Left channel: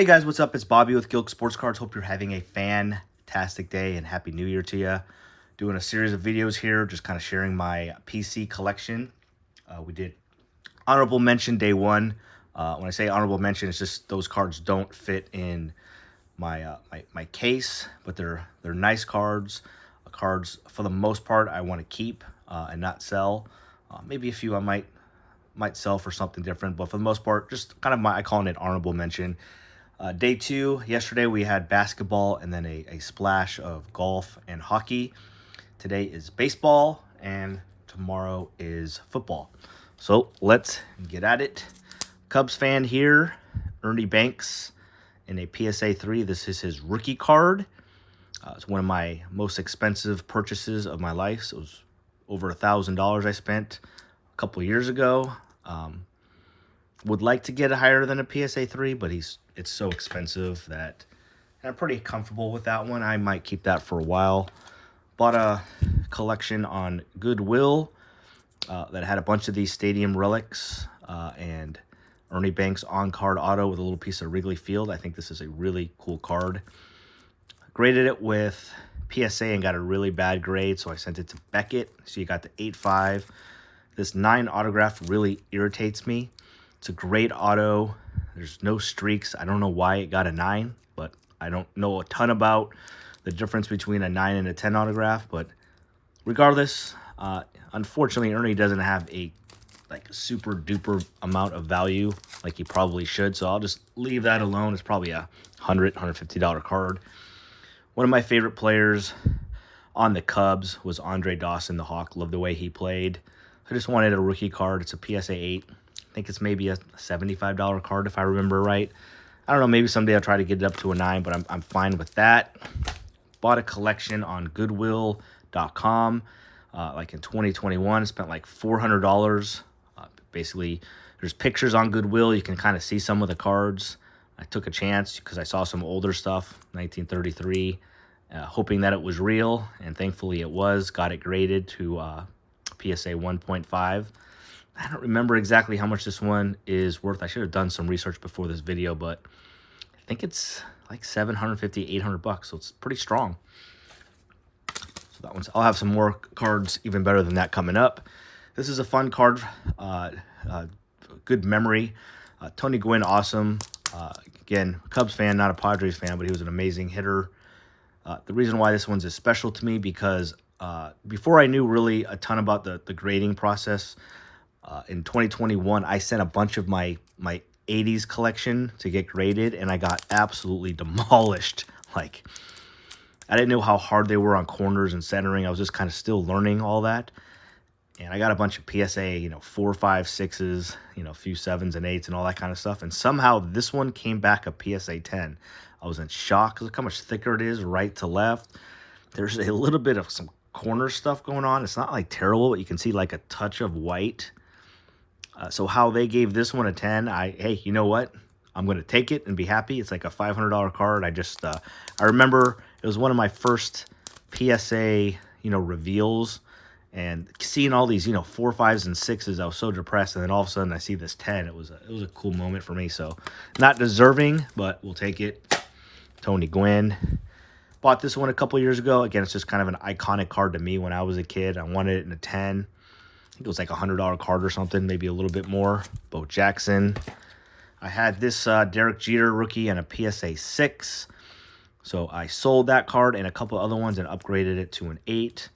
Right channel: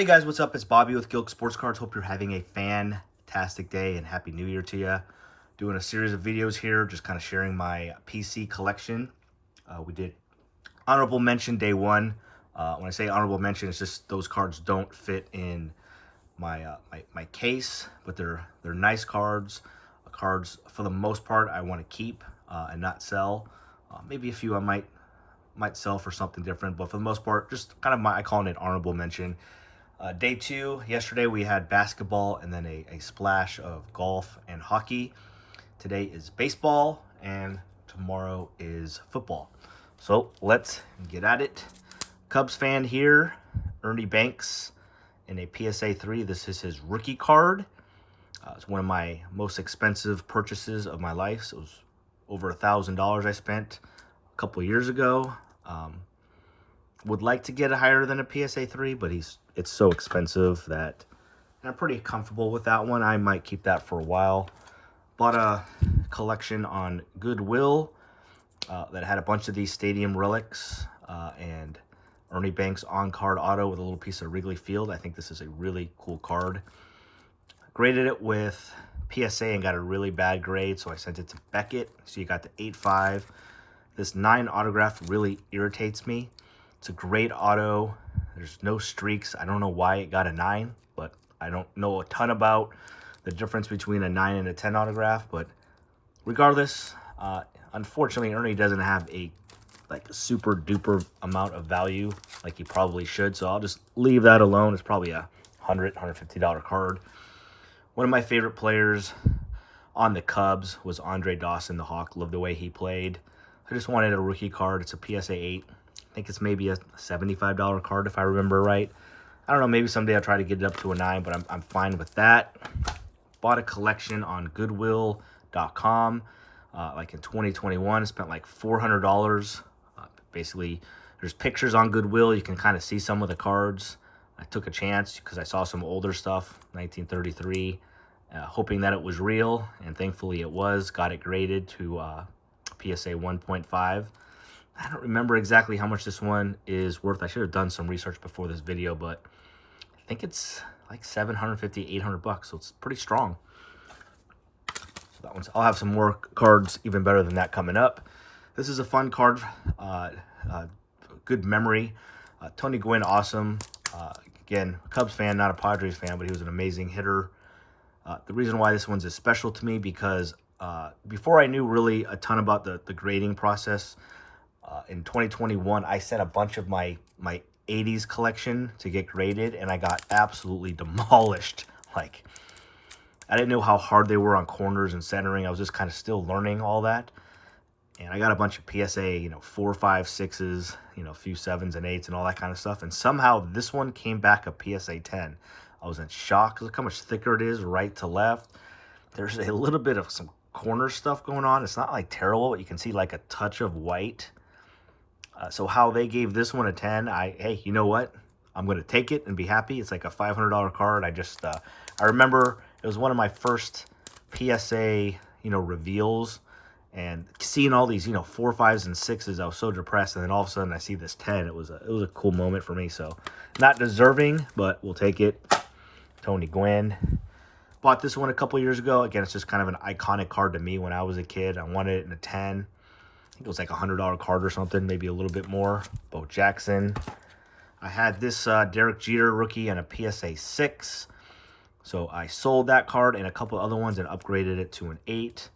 Hey guys, what's up? It's Bobby with Gilk Sports Cards. Hope you're having a fantastic day and Happy New Year to you. Doing a series of videos here, just kind of sharing my PC collection. We did honorable mention day one. When I say honorable mention, it's just those cards don't fit in my case, but they're nice cards. Cards for the most part I want to keep and not sell. Maybe a few I might sell for something different, but for the most part, just kind of I call it an honorable mention. Day two, yesterday we had basketball and then a splash of golf and hockey. Today is baseball and tomorrow is football. So let's get at it. Cubs fan here, Ernie Banks in a PSA 3. This is his rookie card. It's one of my most expensive purchases of my life. So it was over $1,000 I spent a couple years ago. Would like to get it higher than a PSA 3, but it's so expensive that I'm pretty comfortable with that one. I might keep that for a while. Bought a collection on Goodwill that had a bunch of these stadium relics and Ernie Banks on-card auto with a little piece of Wrigley Field. I think this is a really cool card. Graded it with PSA and got a really bad grade, so I sent it to Beckett. So you got the 8.5. This 9 autograph really irritates me. It's a great auto. There's no streaks. I don't know why it got a 9, but I don't know a ton about the difference between a 9 and a 10 autograph. But regardless, unfortunately, Ernie doesn't have a super duper amount of value like he probably should. So I'll just leave that alone. It's probably a $150 card. One of my favorite players on the Cubs was Andre Dawson, the Hawk. Love the way he played. I just wanted a rookie card. It's a PSA 8. I think it's maybe a $75 card if I remember right. I don't know, maybe someday I'll try to get it up to a 9, but I'm fine with that. Bought a collection on Goodwill.com like in 2021. Spent like $400. Basically, there's pictures on Goodwill. You can kind of see some of the cards. I took a chance because I saw some older stuff, 1933, hoping that it was real, and thankfully it was. Got it graded to PSA 1.5. I don't remember exactly how much this one is worth. I should have done some research before this video, but I think it's like $750, $800, so it's pretty strong. So that one's, I'll have some more cards even better than that coming up. This is a fun card, good memory. Tony Gwynn, awesome. Again, Cubs fan, not a Padres fan, but he was an amazing hitter. The reason why this one's is special to me because before I knew really a ton about the grading process, in 2021, I sent a bunch of my 80s collection to get graded, and I got absolutely demolished. Like, I didn't know how hard they were on corners and centering. I was just kind of still learning all that. And I got a bunch of PSA, 4, 5, 6s, a few 7s and 8s and all that kind of stuff. And somehow this one came back a PSA 10. I was in shock. Look how much thicker it is right to left. There's a little bit of some corner stuff going on. It's not like terrible, but you can see like a touch of white. So how they gave this one a 10, hey, you know what? I'm going to take it and be happy. It's like a $500 card. I remember it was one of my first PSA, reveals. And seeing all these, 4, 5s, and 6s, I was so depressed. And then all of a sudden I see this 10. It was a cool moment for me. So not deserving, but we'll take it. Tony Gwynn. Bought this one a couple years ago. Again, it's just kind of an iconic card to me when I was a kid. I wanted it in a 10. It was like a $100 card or something, maybe a little bit more. Bo Jackson. I had this Derek Jeter rookie and a PSA 6. So I sold that card and a couple other ones and upgraded it to an 8.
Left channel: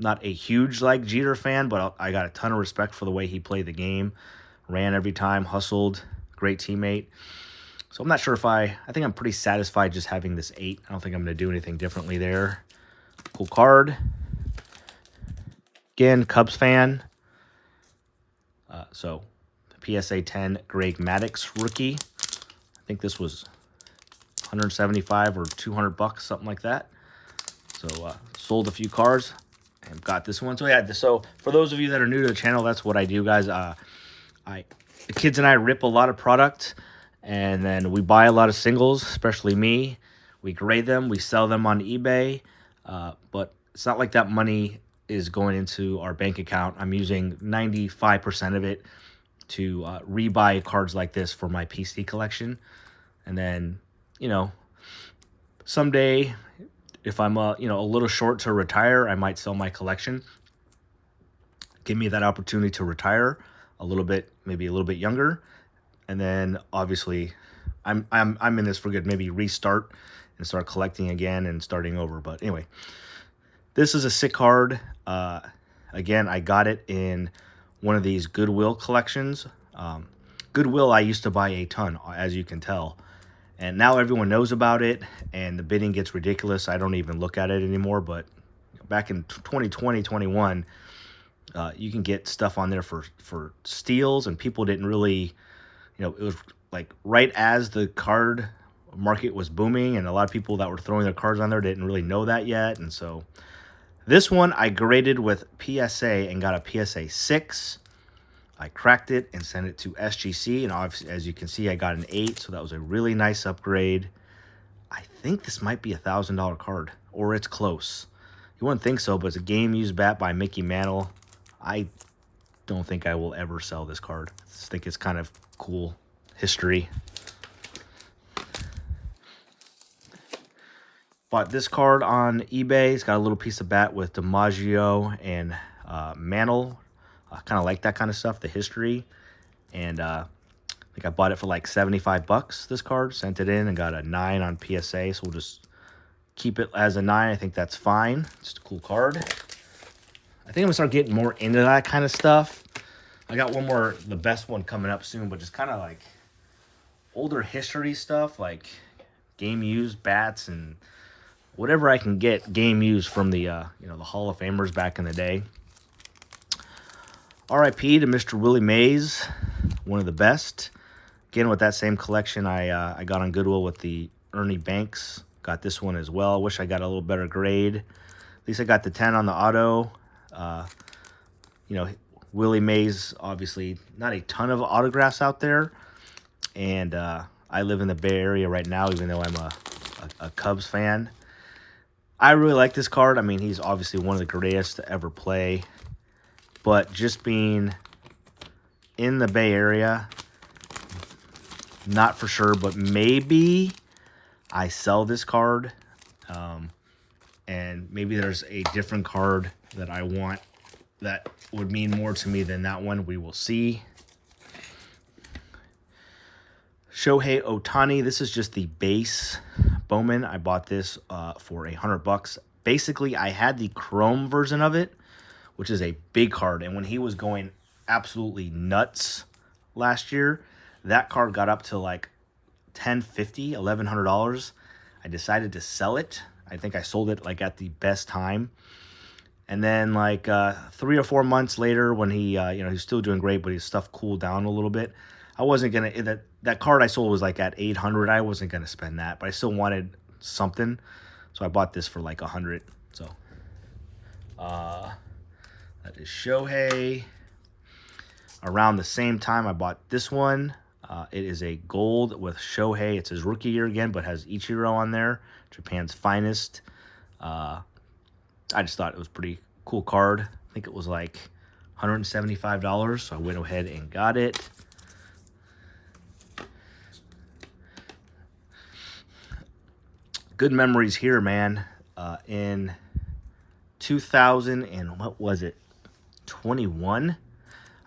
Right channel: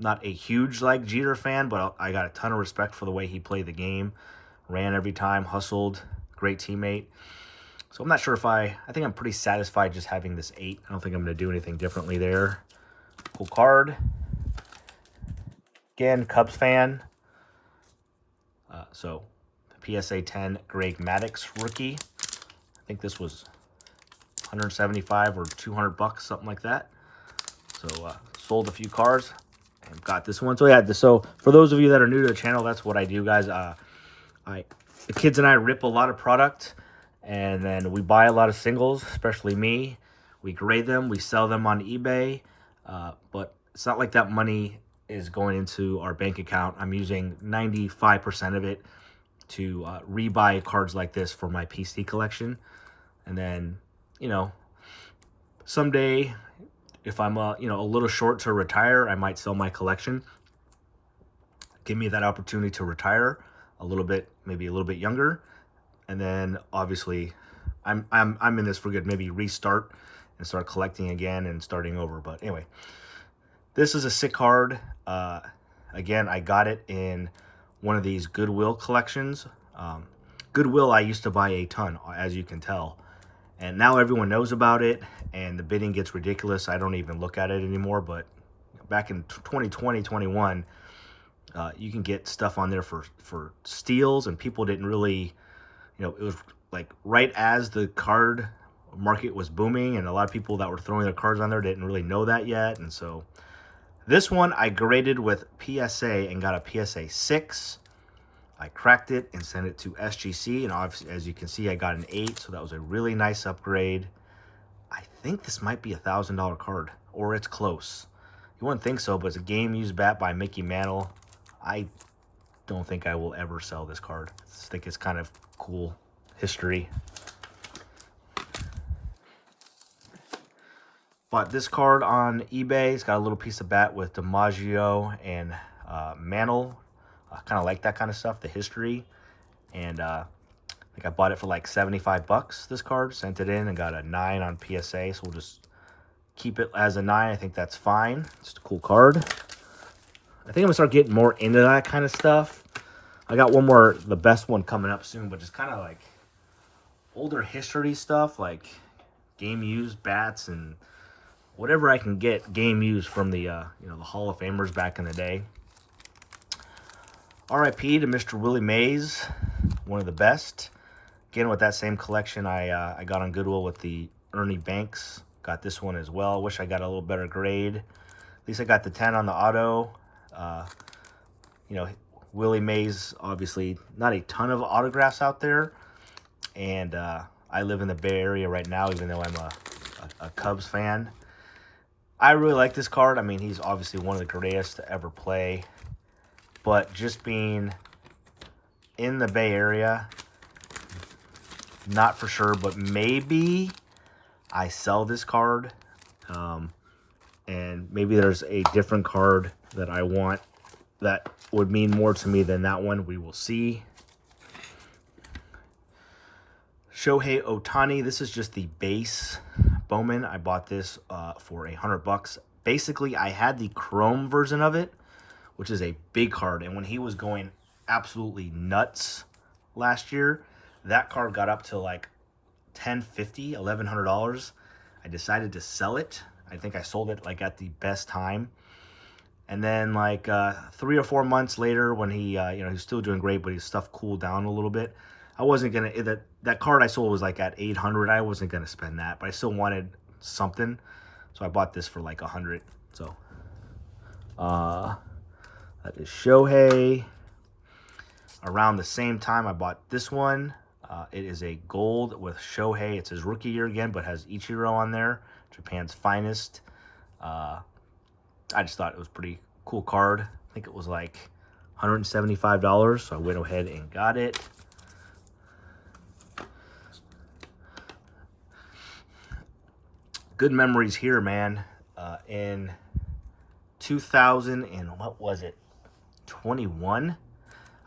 Not a huge Jeter fan, but I got a ton of respect for the way he played the game. Ran every time, hustled, great teammate. So I'm not sure if I think I'm pretty satisfied just having this 8. I don't think I'm going to do anything differently there. Cool card. Again, Cubs fan. So PSA 10 Greg Maddux rookie. I think this was 175 or $200, something like that. So sold a few cards and got this one. So yeah, so for those of you that are new to the channel, that's what I do, guys. The kids and I rip a lot of product, and then we buy a lot of singles, especially me. We grade them, we sell them on eBay, but it's not like that money is going into our bank account. I'm using 95% of it to rebuy cards like this for my PC collection. And then, you know, someday, if I'm a little short to retire, I might sell my collection. Give me that opportunity to retire a little bit, maybe a little bit younger, and then obviously, I'm in this for good. Maybe restart and start collecting again and starting over. But anyway, this is a sick card. Again, I got it in one of these Goodwill collections. Goodwill, I used to buy a ton, as you can tell. And now everyone knows about it, and the bidding gets ridiculous. I don't even look at it anymore. But back in 2020, 21, you can get stuff on there for steals, and people didn't really, it was like right as the card market was booming, and a lot of people that were throwing their cards on there didn't really know that yet. And so this one I graded with PSA and got a PSA 6. I cracked it and sent it to SGC, and obviously, as you can see, I got an 8, so that was a really nice upgrade. I think this might be a $1,000 card, or it's close. You wouldn't think so, but it's a game used bat by Mickey Mantle. I don't think I will ever sell this card. I just think it's kind of cool history. Bought this card on eBay. It's got a little piece of bat with DiMaggio and Mantle. I kind of like that kind of stuff, the history. And I think I bought it for like 75 bucks, this card. Sent it in and got a 9 on PSA. So we'll just keep it as a 9. I think that's fine. It's a cool card. I think I'm going to start getting more into that kind of stuff. I got one more, the best one coming up soon, but just kind of like older history stuff, like game used bats and whatever I can get game used from the, the Hall of Famers back in the day. RIP to Mr. Willie Mays, one of the best. Again, with that same collection I got on Goodwill with the Ernie Banks. Got this one as well. Wish I got a little better grade. At least I got the 10 on the auto. Willie Mays, obviously not a ton of autographs out there. And I live in the Bay Area right now, even though I'm a Cubs fan. I really like this card. I mean, he's obviously one of the greatest to ever play. But just being in the Bay Area, not for sure, but maybe I sell this card. And maybe there's a different card that I want that would mean more to me than that one. We will see. Shohei Ohtani. This is just the base Bowman. I bought this for $100. Basically, I had the chrome version of it, which is a big card. And when he was going absolutely nuts last year, that card got up to like $1,050, $1,100. I decided to sell it. I think I sold it like at the best time. And then like 3 or 4 months later, when he, he's still doing great, but his stuff cooled down a little bit. I wasn't gonna, that card I sold was like at 800. I wasn't gonna spend that, but I still wanted something, so I bought this for like 100. So that is Shohei. Around the same time, I bought this one. It is a gold with Shohei. It's his rookie year again, but has Ichiro on there, Japan's finest. I just thought it was a pretty cool card. I think it was like $175, so I went ahead and got it. Good memories here, man. In 2000 and what was it? 21?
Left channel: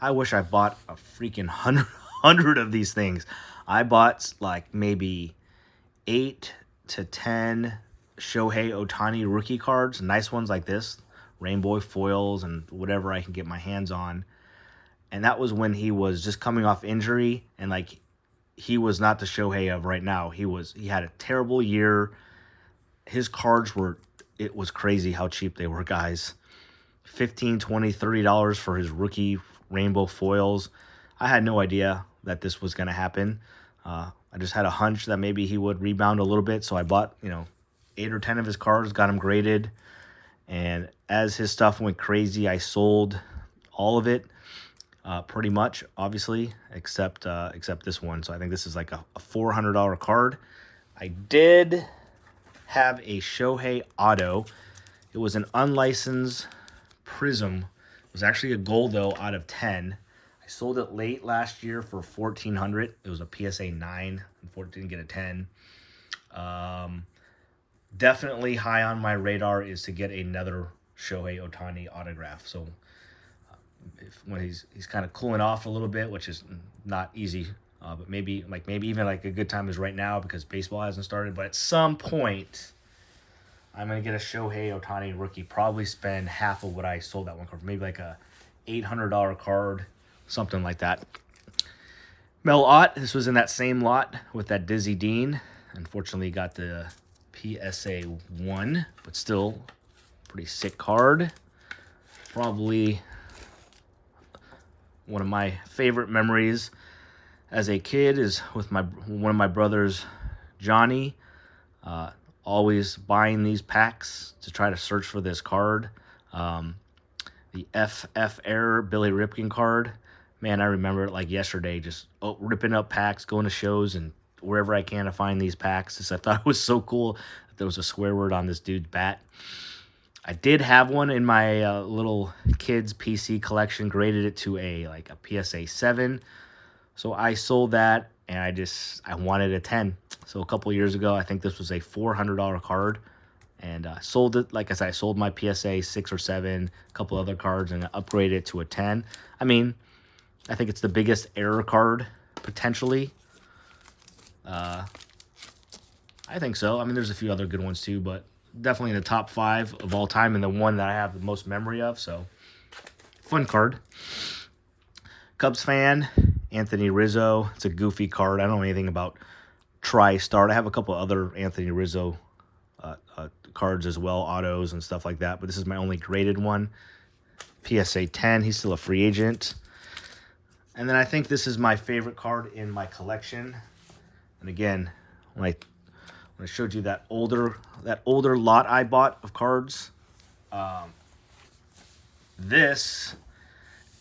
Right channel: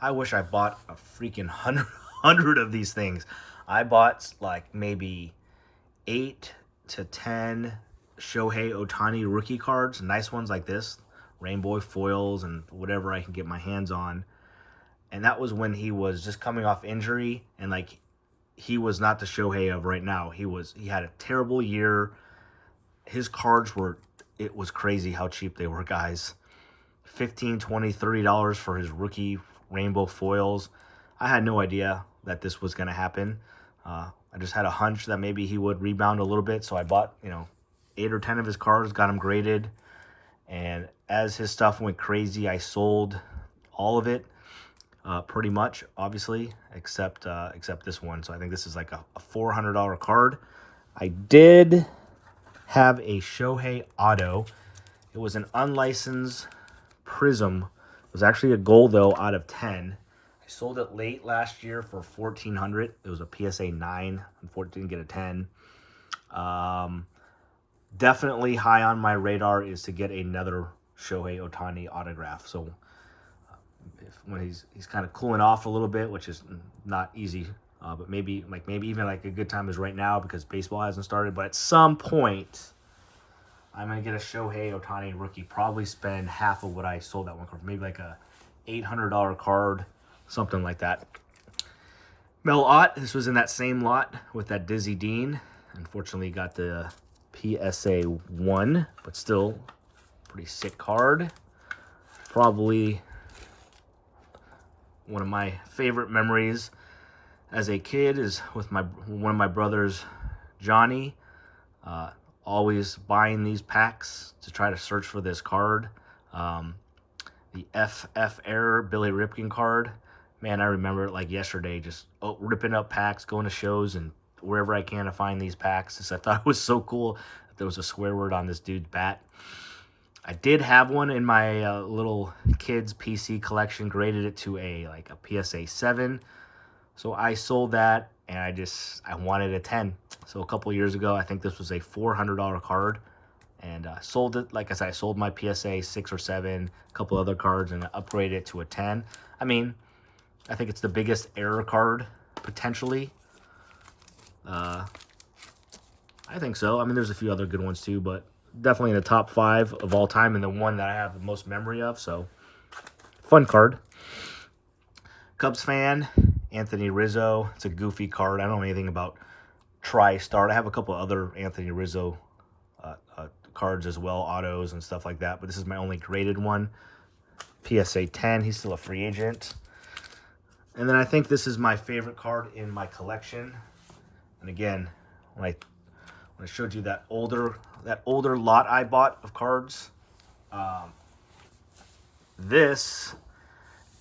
I wish I bought a freaking 100 of these things. I bought like maybe 8 to 10 Shohei Ohtani rookie cards, nice ones like this, rainbow foils and whatever I can get my hands on. And that was when he was just coming off injury, and like he was not the Shohei of right now. He had a terrible year. His cards were, it was crazy how cheap they were, guys. $15, $20, $30 for his rookie rainbow foils. I had no idea that this was going to happen. I just had a hunch that maybe he would rebound a little bit, so I bought, 8 or 10 of his cards, got them graded, and as his stuff went crazy, I sold all of it, pretty much, obviously, except this one. So I think this is like a $400 card. I did have a Shohei auto. It was an unlicensed Prism. It was actually a gold, though, out of 10. I sold it late last year for $1,400. It was a PSA 9. Unfortunately, didn't get a 10. Definitely high on my radar is to get another Shohei Ohtani autograph. So when he's kind of cooling off a little bit, which is not easy, but maybe even like a good time is right now because baseball hasn't started. But at some point, I'm gonna get a Shohei Ohtani rookie. Probably spend half of what I sold that one card for, maybe like a $800 card, something like that. Mel Ott, this was in that same lot with that Dizzy Dean. Unfortunately, got the PSA 1, but still pretty sick card. Probably one of my favorite memories as a kid is with one of my brothers, Johnny. Always buying these packs to try to search for this card. The FF Error Billy Ripken card. Man, I remember it like yesterday, just ripping up packs, going to shows, and wherever I can to find these packs. I thought it was so cool that there was a swear word on this dude's bat. I did have one in my little kids PC collection, graded it to a PSA 7. So I sold that, and I wanted a 10. So a couple years ago, I think this was a $400 card, and sold it. Like I said, I sold my PSA 6 or 7, a couple other cards, and upgraded it to a 10. I mean, I think it's the biggest error card, potentially. I think so. I mean, there's a few other good ones too, but definitely in the top 5 of all time and the one that I have the most memory of. So, fun card. Cubs fan, Anthony Rizzo. It's a goofy card. I don't know anything about TriStart. I have a couple other Anthony Rizzo cards as well, autos and stuff like that, but this is my only graded one. PSA 10. He's still a free agent. And then I think this is my favorite card in my collection. And again, when I showed you that older lot I bought of cards, this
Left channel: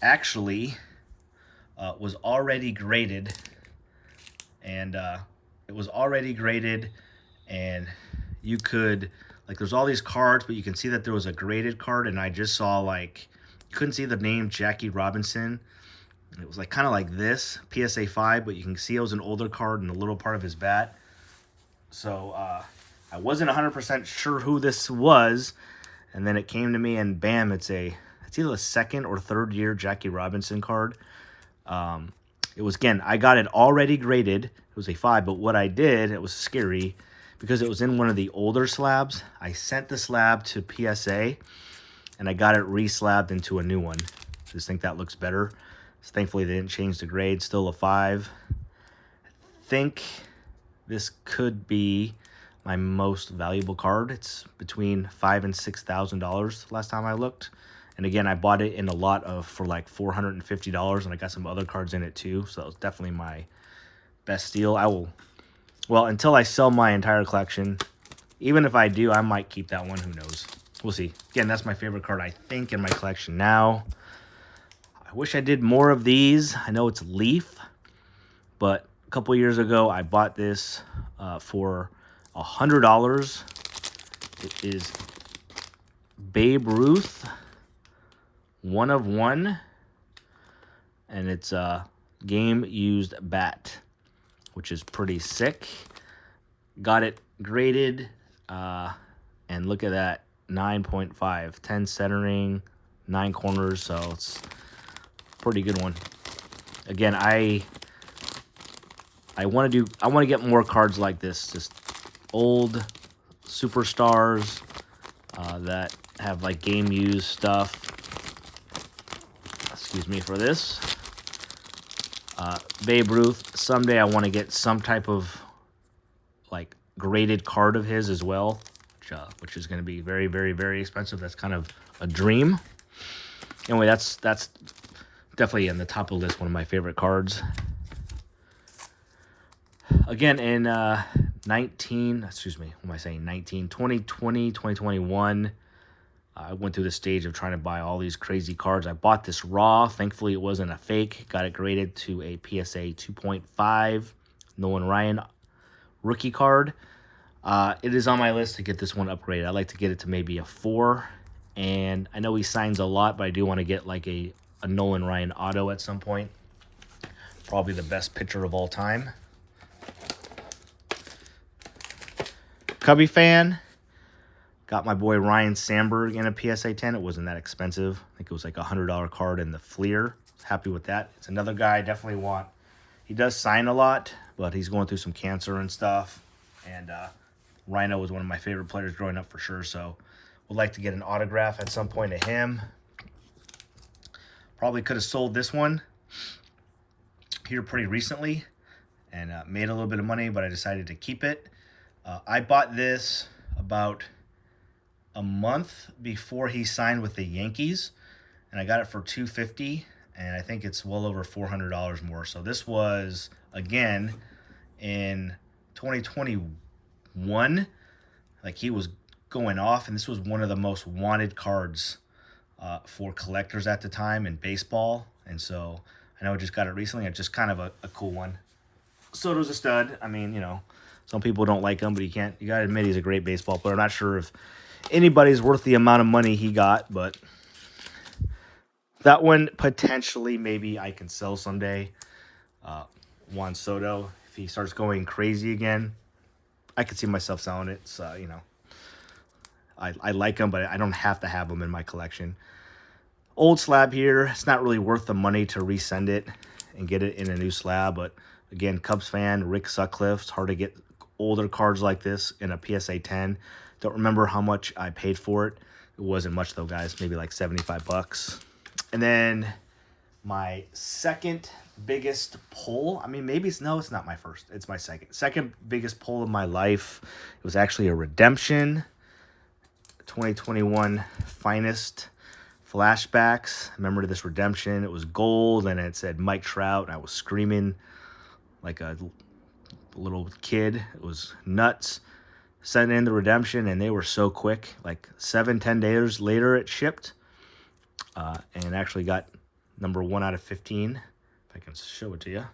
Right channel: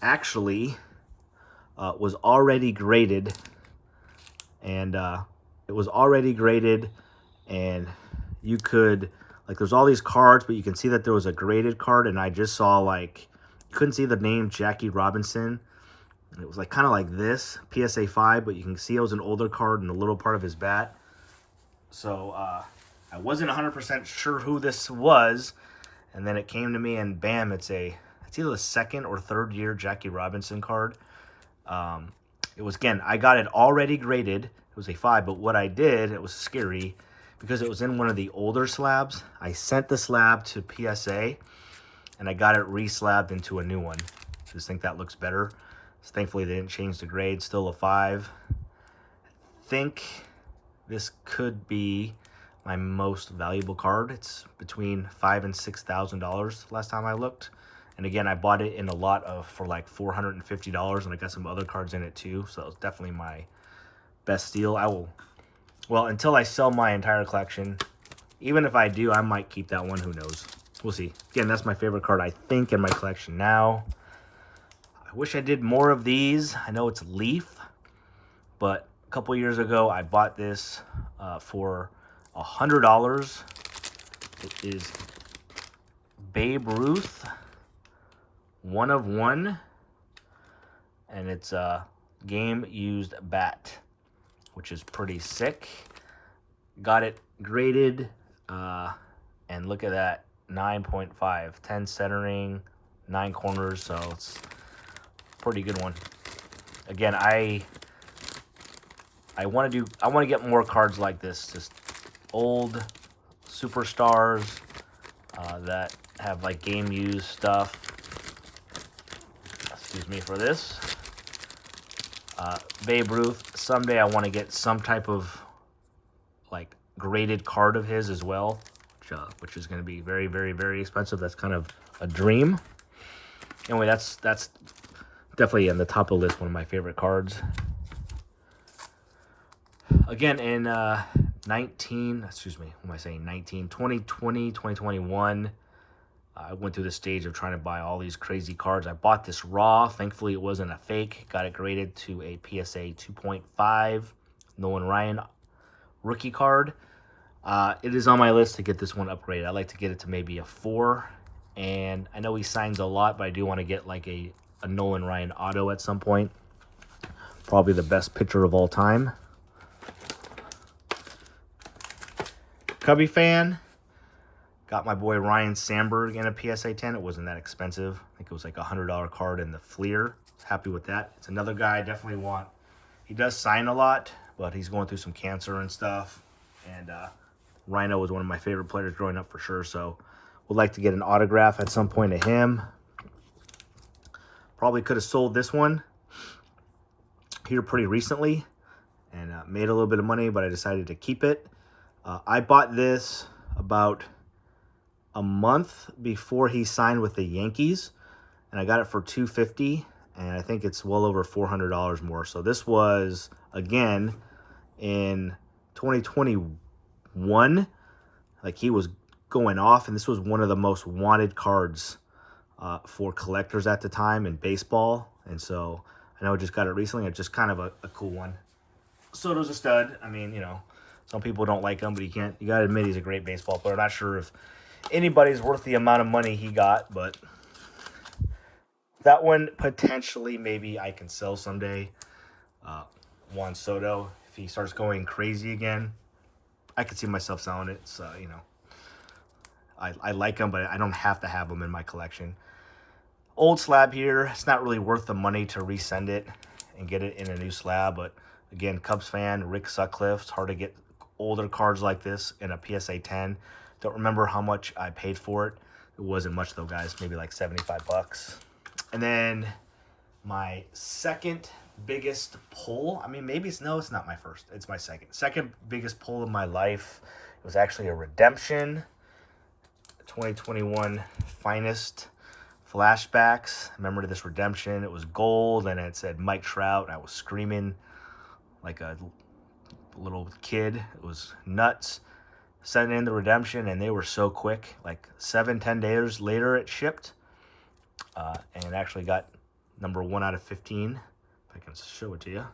actually was already graded, and it was already graded, and you could, like, there's all these cards, but you can see that there was a graded card, and I just saw, like, you couldn't see the name Jackie Robinson. It was like kind of like this, PSA 5, but you can see it was an older card in the little part of his bat. So I wasn't 100% sure who this was, and then it came to me, and bam, it's either a 2nd or 3rd year Jackie Robinson card. It was, again, I got it already graded. It was a 5, but what I did, it was scary, because it was in one of the older slabs. I sent the slab to PSA, and I got it re-slabbed into a new one. Just think that looks better. So thankfully, they didn't change the grade. Still a 5. I think this could be my most valuable card. It's between $5,000 and $6,000 last time I looked. And again, I bought it in a lot for like $450, and I got some other cards in it too. So it's definitely my best steal. Well, until I sell my entire collection, even if I do, I might keep that one. Who knows? We'll see. Again, that's my favorite card, I think, in my collection now. I wish I did more of these. I know it's Leaf, but a couple years ago, I bought this for $100. It is Babe Ruth, 1 of 1, and it's a game-used bat, which is pretty sick. Got it graded, and look at that, 9.5, 10 centering, 9 corners, so it's a pretty good one. Again, I want to get more cards like this, just old superstars that have like game used stuff. Excuse me for this. Babe Ruth, someday I want to get some type of like graded card of his as well, which is going to be very, very, very expensive. That's kind of a dream. Anyway, that's definitely in the top of the list, one of my favorite cards. Again, in 2020, 2021, I went through the stage of trying to buy all these crazy cards. I bought this raw. Thankfully, it wasn't a fake. Got it graded to a PSA 2.5 Nolan Ryan rookie card. It is on my list to get this one upgraded. I'd like to get it to maybe a 4. And I know he signs a lot, but I do want to get like a Nolan Ryan auto at some point. Probably the best pitcher of all time. Cubby fan. Got my boy Ryne Sandberg in a PSA 10. It wasn't that expensive. I think it was like a $100 card in the Fleer. Happy with that. It's another guy I definitely want. He does sign a lot, but he's going through some cancer and stuff. And Rhino was one of my favorite players growing up for sure. So would like to get an autograph at some point of him. Probably could have sold this one here pretty recently and made a little bit of money, but I decided to keep it. I bought this about a month before he signed with the Yankees, and I got it for $250, and I think it's well over $400 more. So this was, again, in 2021, like he was going off, and this was one of the most wanted cards for collectors at the time in baseball. And so I know I just got it recently. It's just kind of a cool one. Soto's a stud. I mean, you know, some people don't like him, but you gotta admit he's a great baseball player. I'm not sure if anybody's worth the amount of money he got, but that one potentially maybe I can sell someday. Juan Soto, if he starts going crazy again, I could see myself selling it. So, you know, I like him, but I don't have to have him in my collection. Old slab here. It's not really worth the money to resend it and get it in a new slab, but again, Cubs fan, Rick Sutcliffe. It's hard to get older cards like this in a PSA 10. Don't remember how much I paid for it. It wasn't much though, guys. Maybe like 75 bucks. And then my second biggest pull. I mean, maybe it's not my first. It's my second biggest pull of my life. It was actually a redemption. 2021 Finest Flashbacks. I remember this redemption. It was gold and it said Mike Trout. And I was screaming like a little kid. It was nuts. Sent in the redemption and they were so quick. Like 7-10 days later it shipped. And actually got number 1 out of 15. If I can show it to you.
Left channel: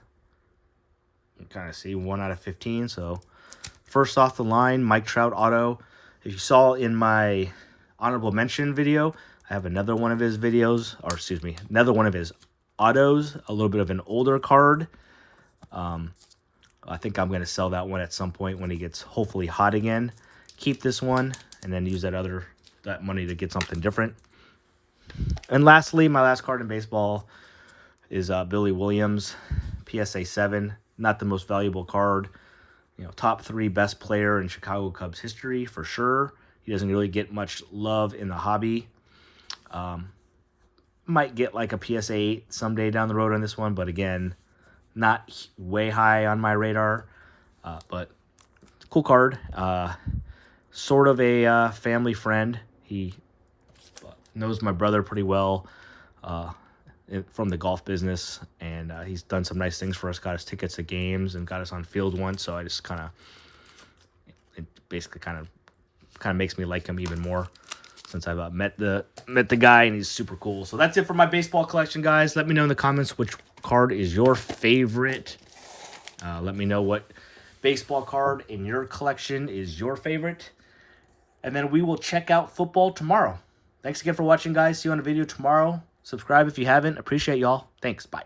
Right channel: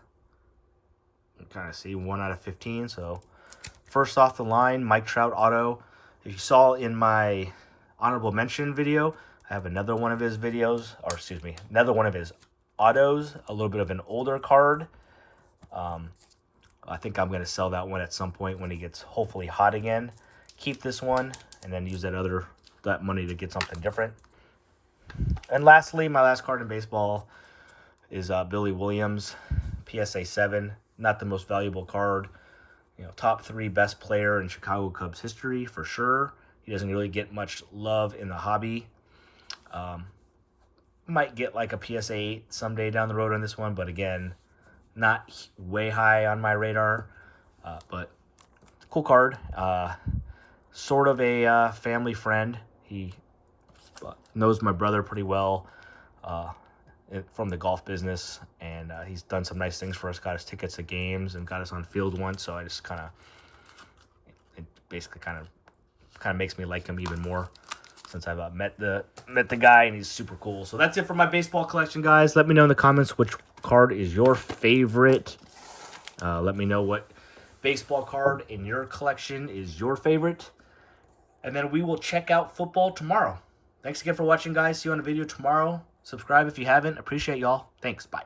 You kind of see 1 out of 15. So first off the line, Mike Trout auto. If you saw in my honorable mention video, I have another one of his videos, or excuse me, another one of his autos, a little bit of an older card. I think I'm going to sell that one at some point when he gets hopefully hot again. Keep this one and then use that money to get something different. And lastly, my last card in baseball is Billy Williams, PSA 7. Not the most valuable card. You know, top 3 best player in Chicago Cubs history for sure. He doesn't really get much love in the hobby. Might get like a PSA 8 someday down the road on this one, but again, not way high on my radar. But cool card. Sort of a family friend. He knows my brother pretty well from the golf business, and he's done some nice things for us. Got us tickets to games and got us on field once. So I just it basically kind of makes me like him even more since I've met the guy, and he's super cool. So that's it for my baseball collection, guys. Let me know in the comments which card is your favorite. Let me know what baseball card in your collection is your favorite, and then we will check out football tomorrow. Thanks again for watching, guys. See you on the video tomorrow. Subscribe if you haven't. Appreciate y'all. Thanks. Bye.